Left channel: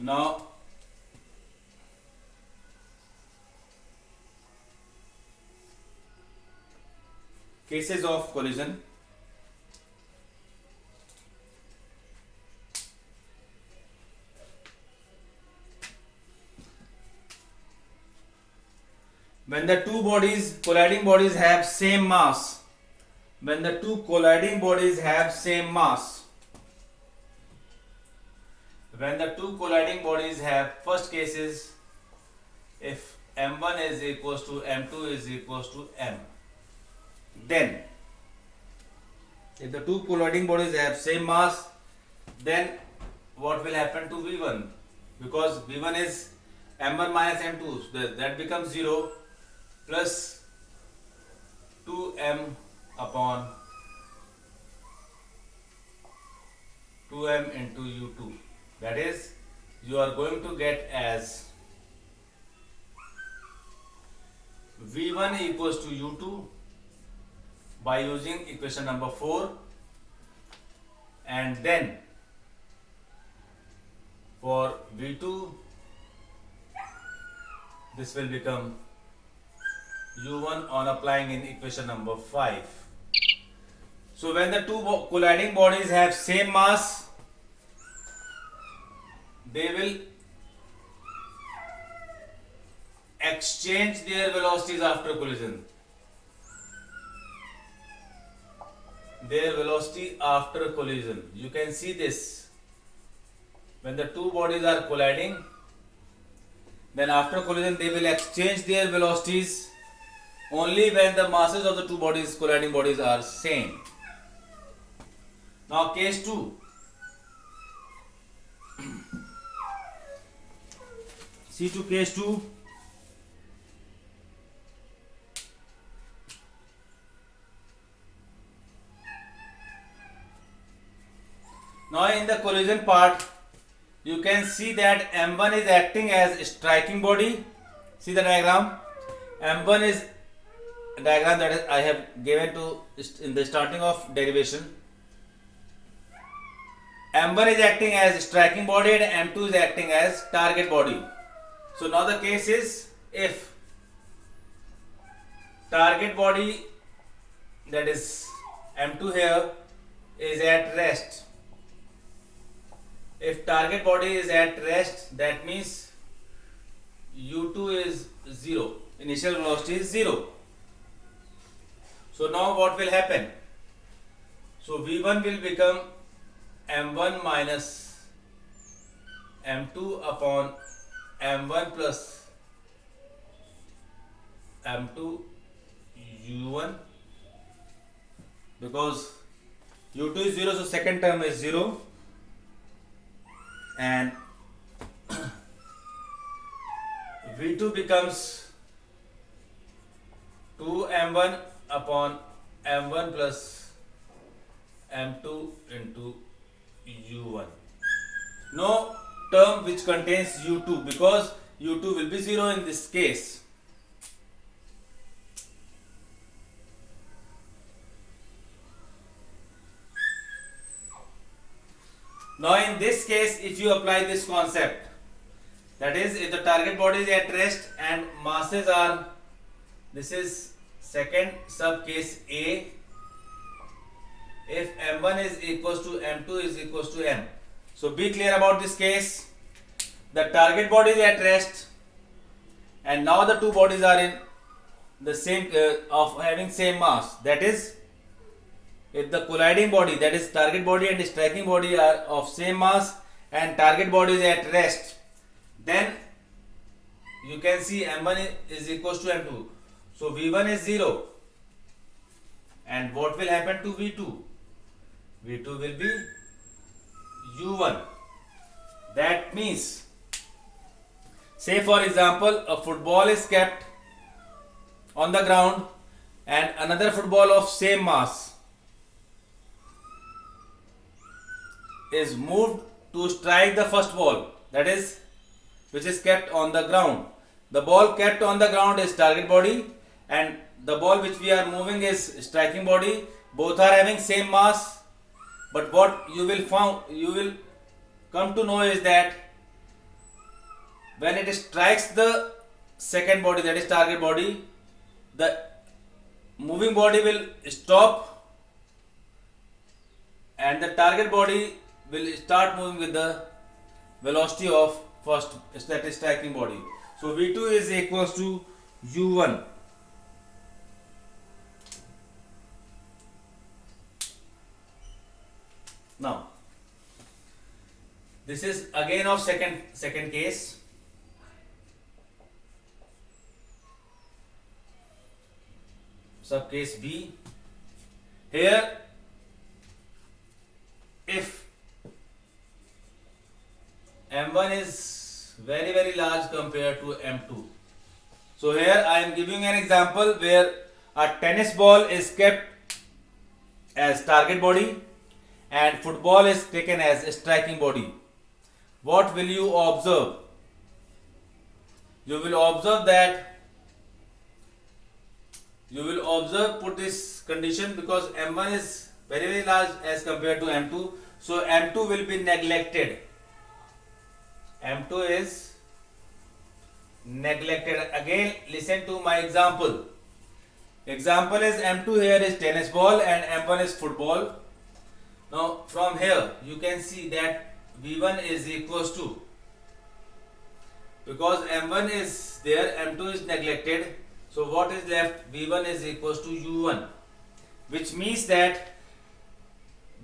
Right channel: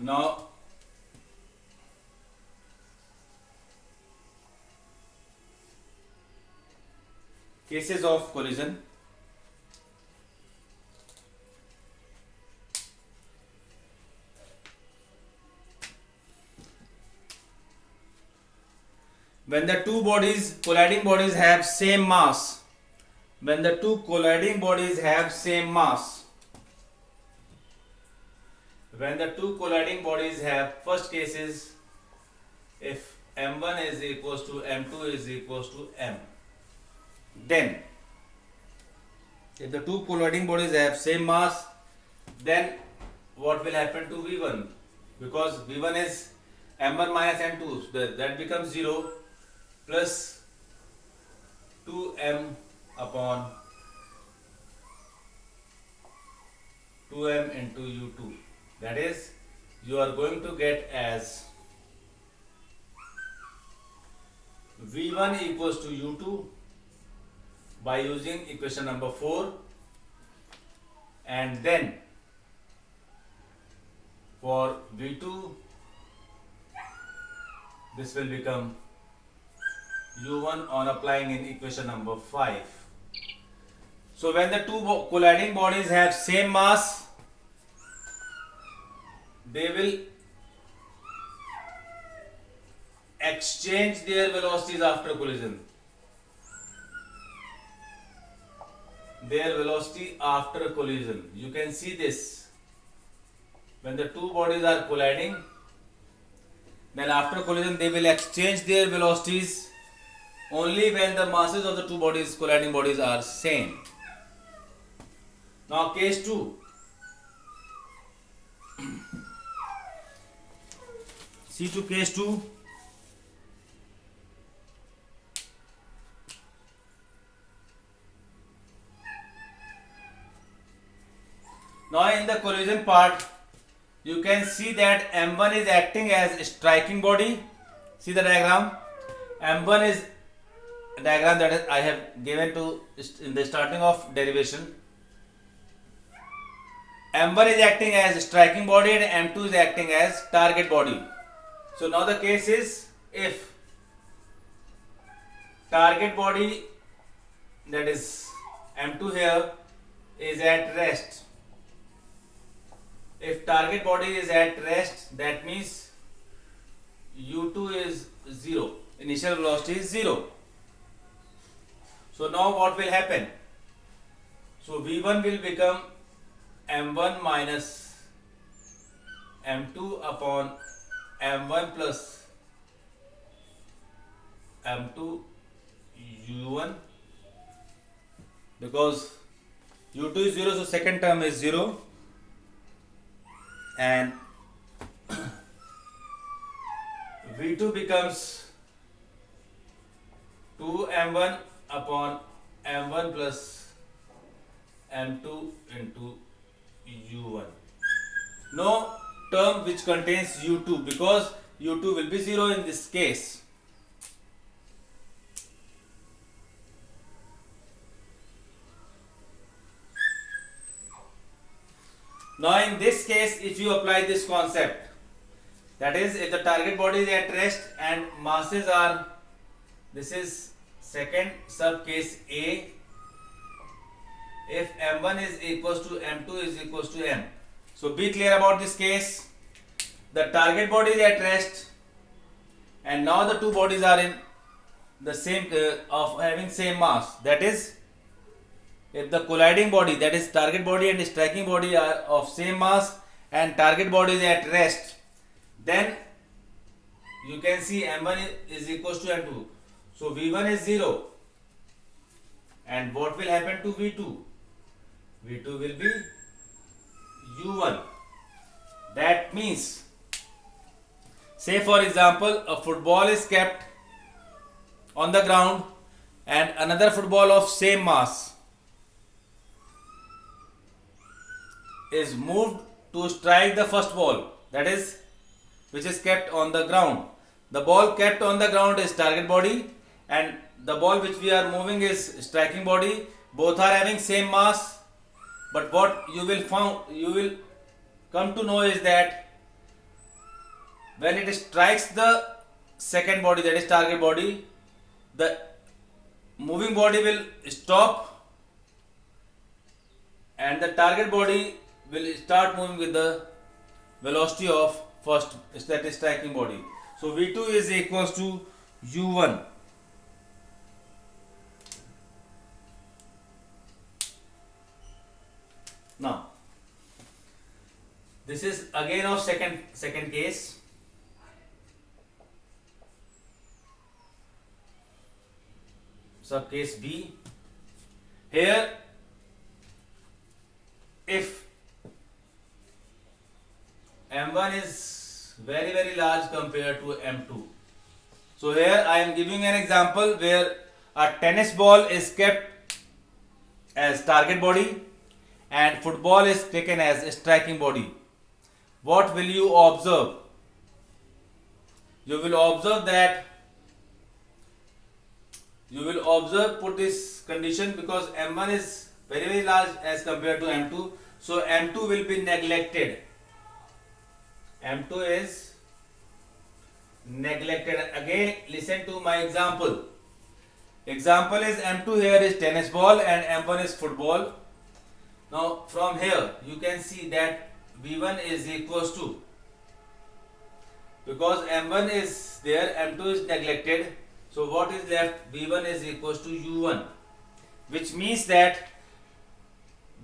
Now cases of collision. When the two colliding bodies have same mass, when the two colliding bodies have same mass, when the two colliding bodies have, first case is if m1 is equals to m2 is equals to m, then if the two colliding bodies have same mass, then what will happen to v1? Because v1 is m1 minus m2, so that becomes 0 plus 2m upon 2m into u2. That is, you are going to get as v1 equals to u2 by using equation number 4, and then for v2 this will become u1 on applying in equation number 5. So when the two colliding bodies have same mass, they will exchange their velocities after collision. Their velocity after collision. You can see this. When the two bodies are colliding, then after collision they will exchange their velocities only when the masses of the two colliding bodies are same. Now case 2. See to case 2. Now in the collision part, you can see that m1 is acting as striking body. See the diagram. M1 is a diagram that I have given to in the starting of derivation. M1 is acting as striking body and M2 is acting as target body. So now the case is if target body, that is M2 here, is at rest. If target body is at rest, that means u2 is 0. Initial velocity is 0. So now what will happen? So v1 will become m1 minus m2 upon m1 plus m2 u1, because u2 is 0, so second term is 0, and v2 becomes 2m1 upon m1 plus m2 into u1. No term which contains u2, because u2 will be 0 in this case. Now in this case, if you apply this concept, that is, if the target body is at rest and masses are, this is second sub case A, if m1 is equals to m2 is equals to m. So be clear about this case. The target body is at rest and now the two bodies are in the same of having same mass. That is, if the colliding body, that is target body and striking body, are of same mass and target body is at rest, then you can see m1 is equals to m2. So v1 is 0. And what will happen to v2? v2 will be u1. That means, say for example, a football is kept on the ground and another football of same mass is moved to strike the first ball, that is, which is kept on the ground. The ball kept on the ground is target body and the ball which we are moving is striking body. Both are having same mass, but what you will come to know is that when it strikes the second body, that is target body, the moving body will stop and the target body will start moving with the velocity of first, that is striking body. So V2 is equals to U1. Now this is again of second case. Sub case B. Here if M1 is very large compared to M2. So here I am giving an example where a tennis ball is kept as target body and football is taken as a striking body. What will you observe? You will observe that put this condition because M1 is very large as compared to M2. So M2 will be neglected. M2 is neglected. Again, listen to my example. Example is M2 here is tennis ball and M1 is football. Now from here you can see that V1 is equals to, because M1 is there, M2 is neglected. So what is left? V1 is equals to U1, which means that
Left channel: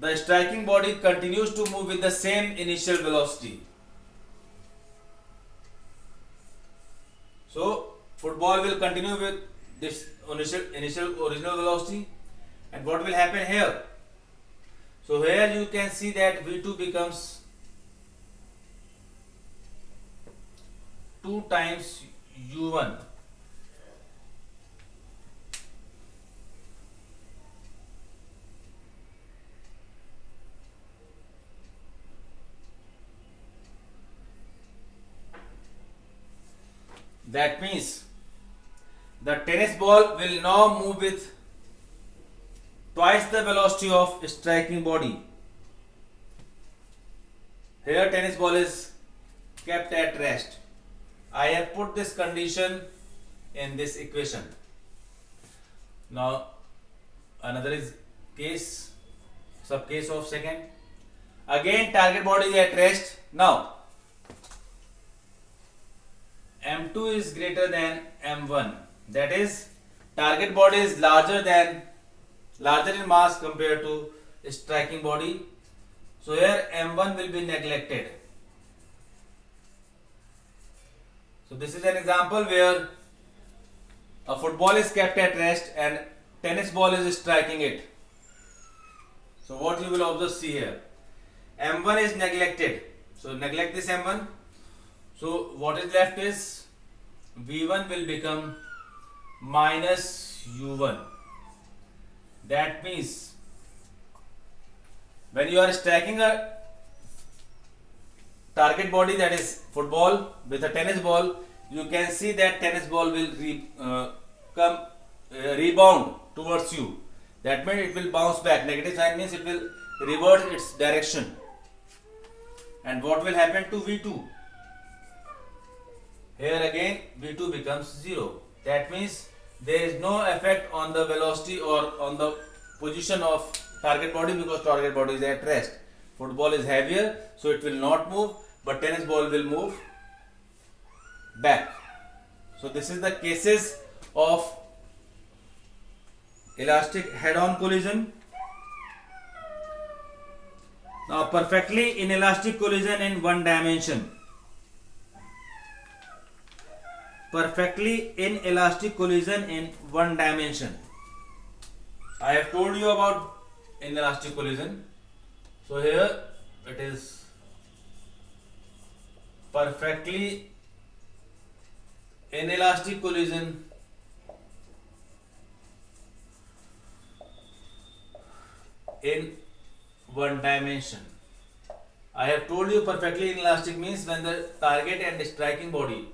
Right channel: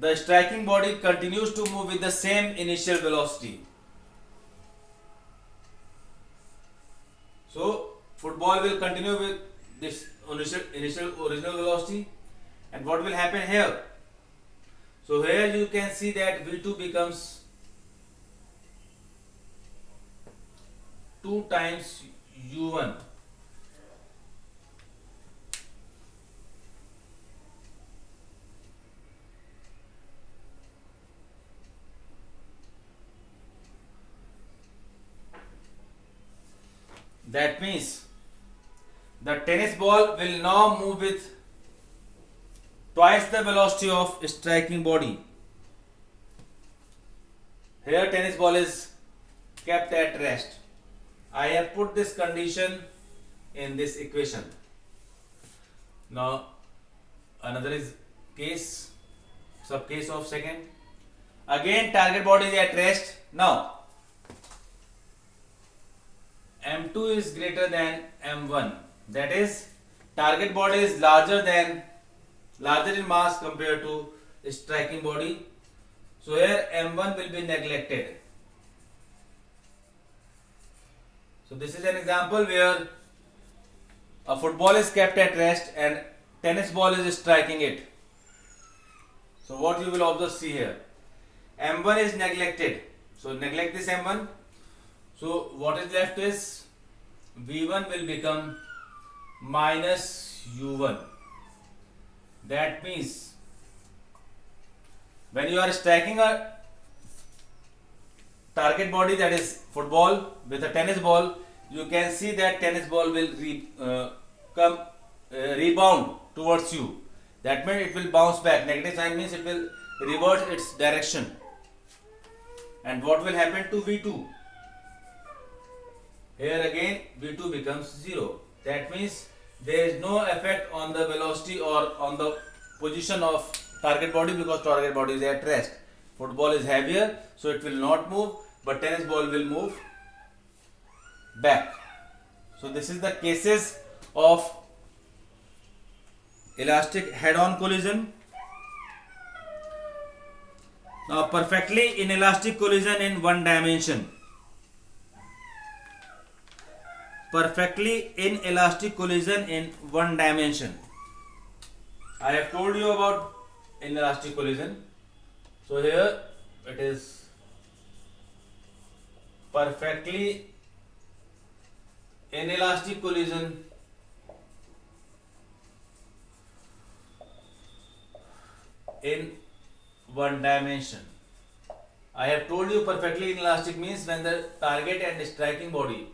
the striking body continues to move with the same initial velocity. So football will continue with this original velocity, and what will happen here? So here you can see that V2 becomes 2 times U1. That means the tennis ball will now move with twice the velocity of striking body. Here tennis ball is kept at rest. I have put this condition in this equation. Now another is case, sub case of second. Again target body is at rest. Now M2 is greater than M1. That is, target body is larger in mass compared to striking body. So here M1 will be neglected. So this is an example where a football is kept at rest and tennis ball is striking it. So what you will observe, see here, M1 is neglected. So neglect this M1. So what is left is V1 will become minus U1. That means when you are striking a target body, that is football, with a tennis ball, you can see that tennis ball will rebound towards you. That means it will bounce back. Negative sign means it will revert its direction. And what will happen to V2? Here again V2 becomes 0. That means there is no effect on the velocity or on the position of target body because target body is at rest. Football is heavier, so it will not move, but tennis ball will move back. So this is the cases of elastic head-on collision. Now perfectly inelastic collision in one dimension. Perfectly inelastic collision in one dimension. I have told you about inelastic collision. So here it is perfectly inelastic collision in one dimension. I have told you perfectly inelastic means when the target and the striking body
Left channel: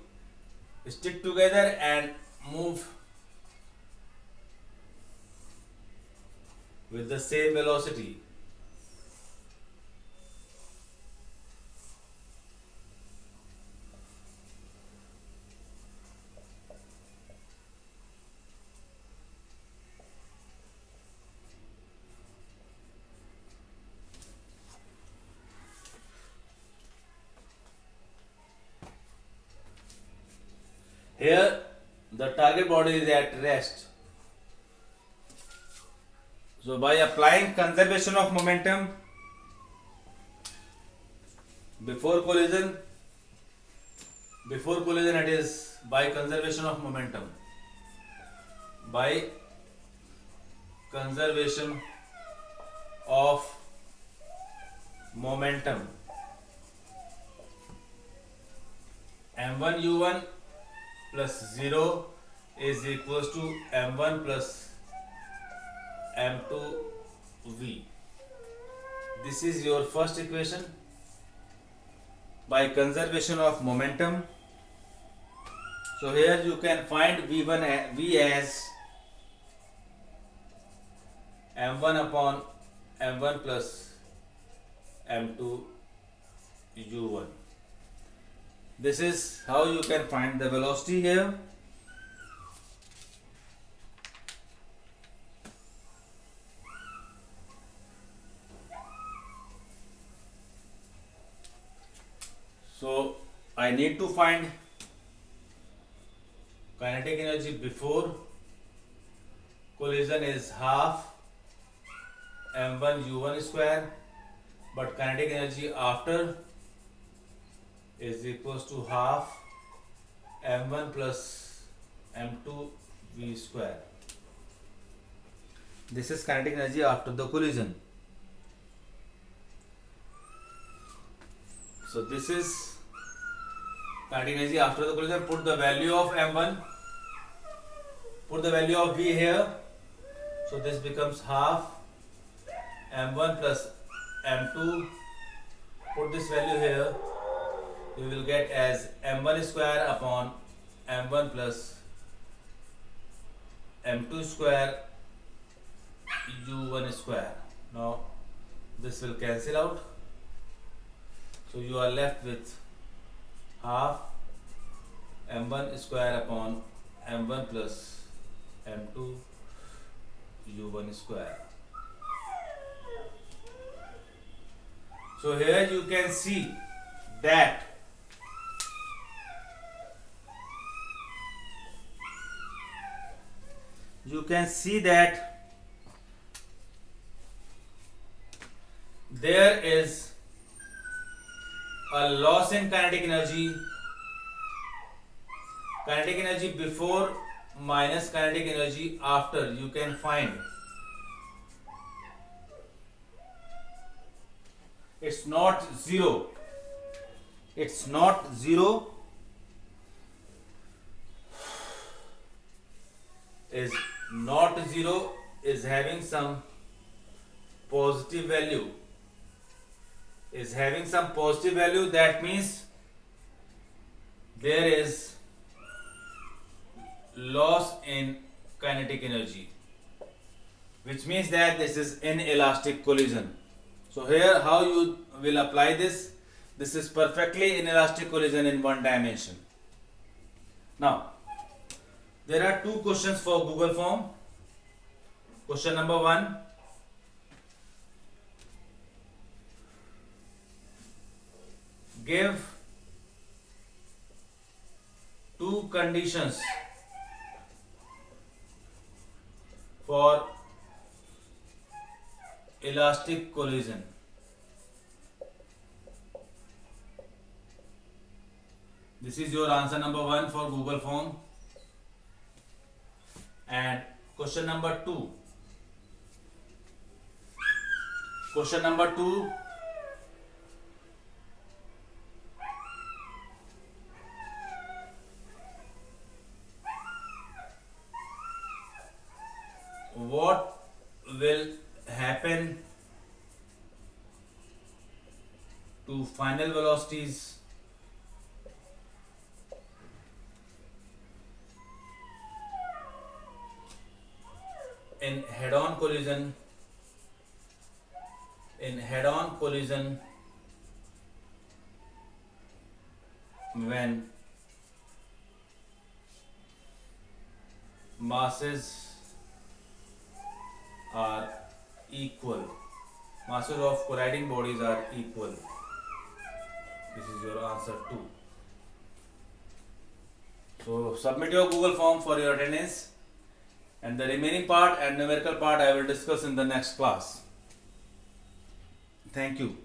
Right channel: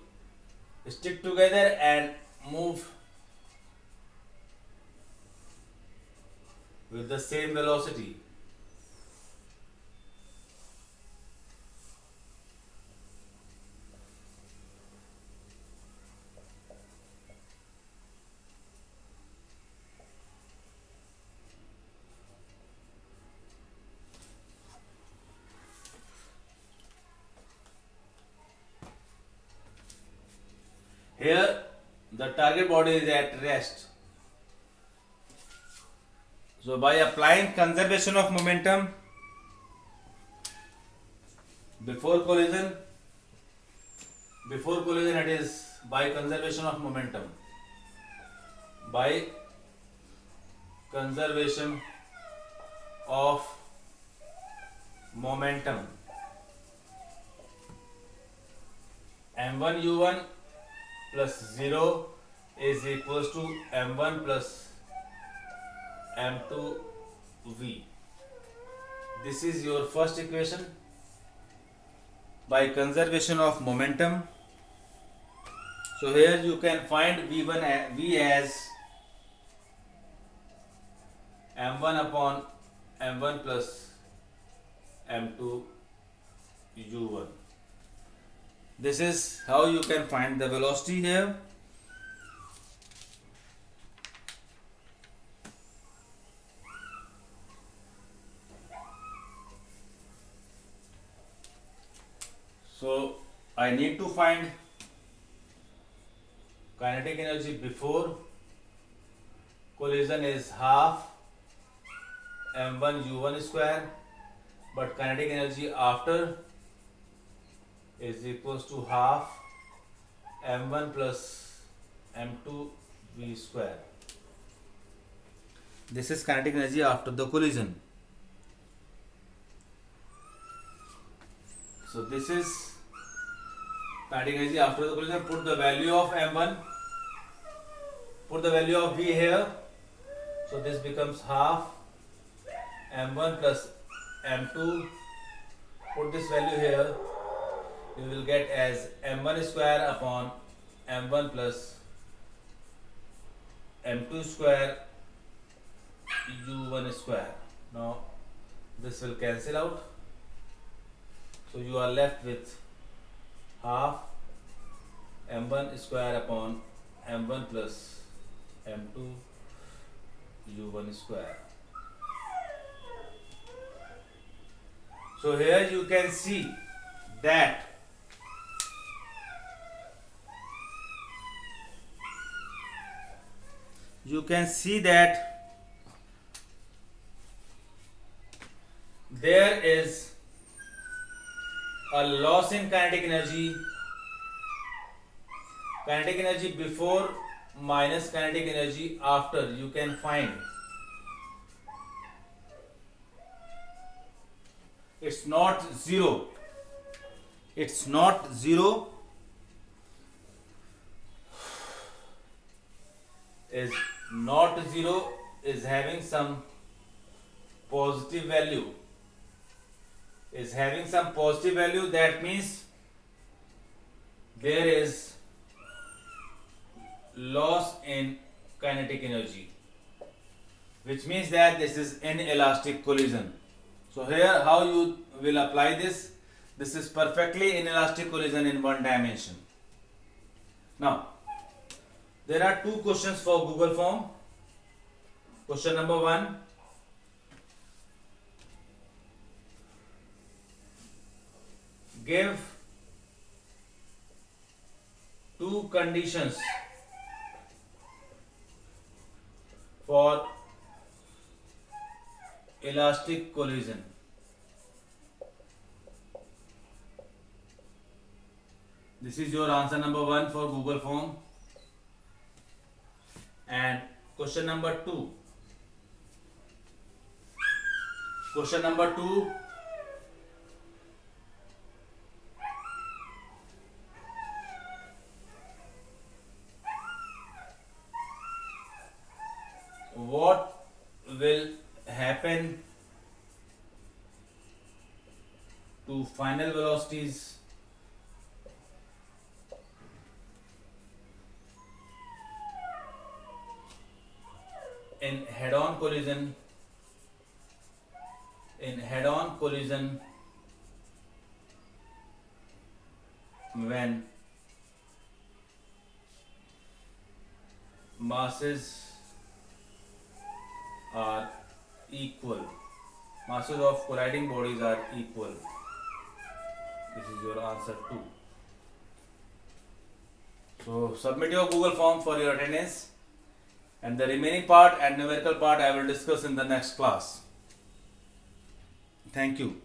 stick together and move with the same velocity. the target body is at rest. So by applying conservation of momentum before collision it is by conservation of momentum. By conservation of momentum, m1 u1 plus 0 is equals to m1 plus m2 v. This is your first equation. By conservation of momentum, so here you can find v as m1 upon m1 plus m2 u1. This is how you can find the velocity here. So I need to find kinetic energy before collision is half m1 u1 square, but kinetic energy after is equals to half m1 plus m2 v square. This is kinetic energy after the collision. So this is kinetic energy after the collision. Put the value of m1, put the value of v here. So this becomes half m1 plus m2. Put this value here. You will get as m1 square upon m1 plus m2 square u1 square. Now this will cancel out. So you are left with half m1 square upon m1 plus m2 u1 square. So here you can see that there is a loss in kinetic energy before minus kinetic energy after. You can find it's not zero, is not zero, is having some positive value, that means there is loss in kinetic energy, which means that this is inelastic collision. So here how you will apply this is perfectly inelastic collision in one dimension. Now there are two questions for Google form. Question number 1. Give two conditions for elastic collision. This is your answer number 1 for Google form. And question number 2. What will happen to final velocities in head-on collision when masses are equal, masses of colliding bodies are equal. This is your answer 2. So submit your Google form for your attendance, and the remaining part and numerical part I will discuss in the next class. Thank you.